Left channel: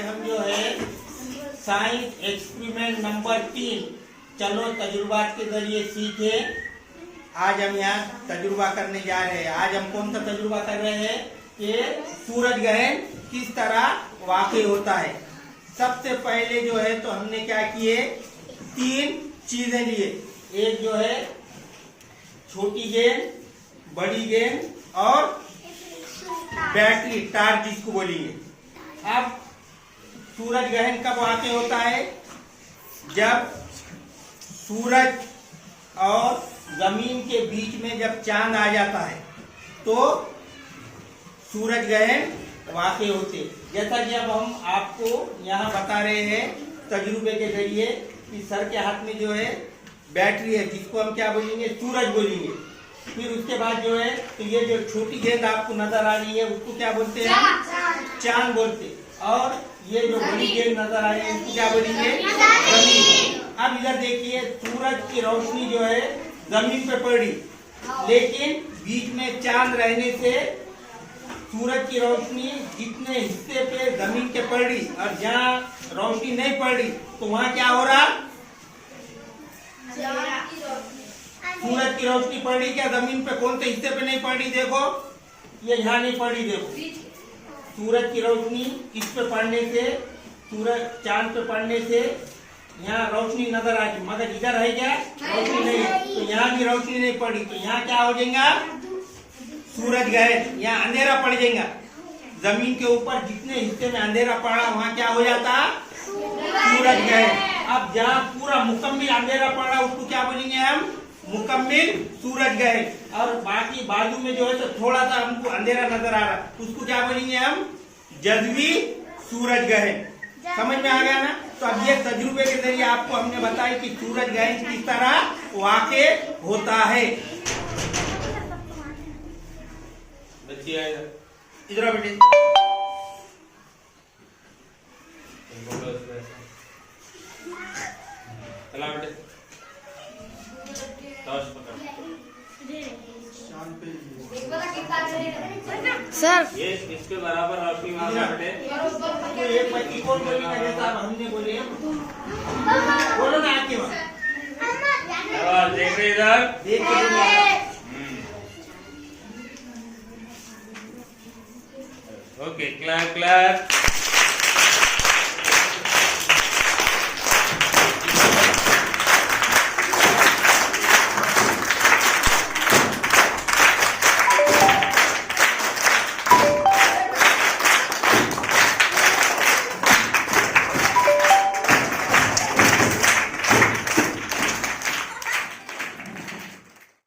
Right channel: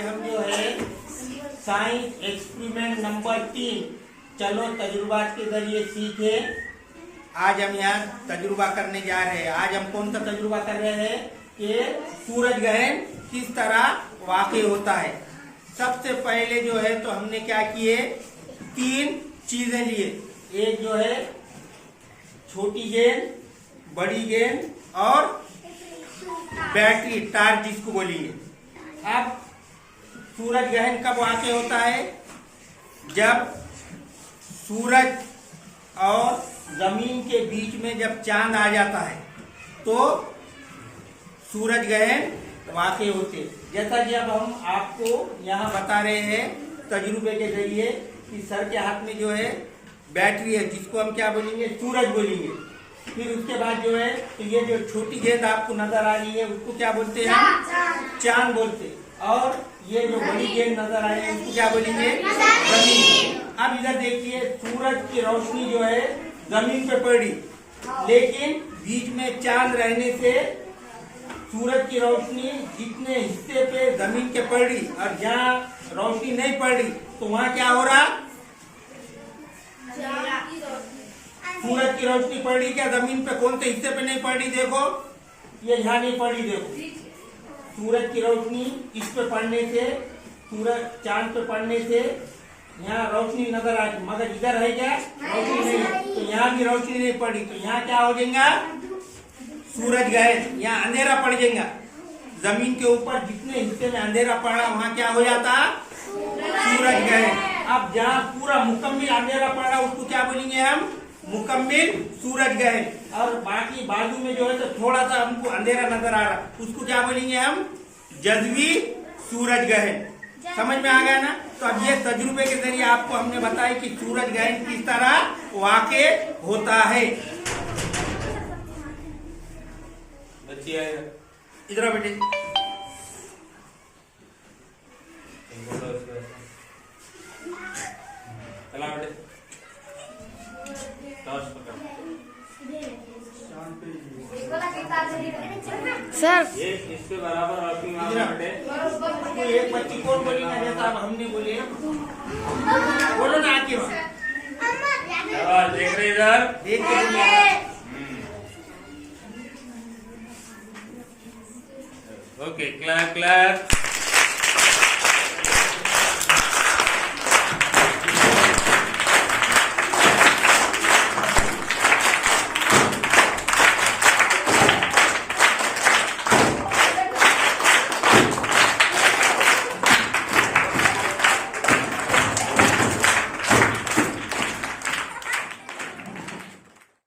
आज हम जो है साइंस एक्सपेरिमेंट नंबर 3 चलो तजुर्बा के जरिए सीखे। आज हम यहाँ तजुर्बा करने जा रहे हैं। आज हम कौन सा तजुर्बा कर रहे हैं कि सूरज ग्रहण किस तरह वाकई होता है। सबसे पहले जो है तो हमने क्या किए, 3 चीजें लिए। एक जो है छोटी गेंद, बड़ी गेंद और बैटरी टार्च जिसको बोलिए। अब सूरज ग्रहण कब वाकई होता है? जब सूरज और जमीन के बीच में जब चांद आ जाता है तो सूरज ग्रहण वाकई होते। जैसा कि अब हम आपको यहाँ बता रहे हैं तजुर्बे के जरिए कि सर के हाथ में जो है बैटरी है जिसको हम क्या बोलेंगे, सूरज बोलेंगे। फिर उसके बाद जो है तो ये जो छोटी गेंद आपको नजर आ रही है उसको क्या बोलते हैं, चांद बोलते। और ये जो बड़ी गेंद नजर आ रही है उसको क्या बोलेंगे, जमीन। अब इधर देखिए, सूरज की रोशनी जो है जमीन पे पड़ी, लेकिन बीच में चांद रहने से सूरज की रोशनी जितने हिस्से पे जमीन के पड़ी और जहाँ रोशनी नहीं पड़ी तो वहाँ क्या हो रहा, सूरज की रोशनी पड़ी क्या जमीन पे? कौन से हिस्से पे नहीं पड़ी? देखो ये यहाँ नहीं पड़ी। देखो सूरज की रोशनी इस पे पड़ने से, सूरज चांद पे पड़ने से यहाँ रोशनी नजर आ गई, मगर इधर है क्या, रोशनी नहीं है। तो यहाँ भी रोशनी नहीं पड़ी तो यहाँ क्या हो जाएगा, सूरज ग्रहण। यहाँ अंधेरा पड़ जाएगा। जमीन के ऊपर जितने हिस्से में अंधेरा पड़ा वहाँ क्या हो जाता, सूरज ग्रहण। अब जहाँ पूरा मुकम्मिल अंधेरा पड़ा उसको क्या बोलेंगे हम, मुकम्मिल सूरज ग्रहण। और बाकी बाजू में जो है तो थोड़ा सा हमको अंधेरा नजर आ रहा उसको क्या बोलेंगे हम, जज़वी सूरज ग्रहण। समझ में आ गया ना? तो अब ये तजुर्बे के जरिए आपको हमने बताया कि सूरज ग्रहण किस तरह वाकई होता है। बच्चे इधर बेटे, चला बेटे, सर ये इसके बराबर रोशनी मारना बेटे। एक बच्ची को हमने बोले, बोलो ना आके देख रहे इधर, देख के ओके, क्लैप क्लैप।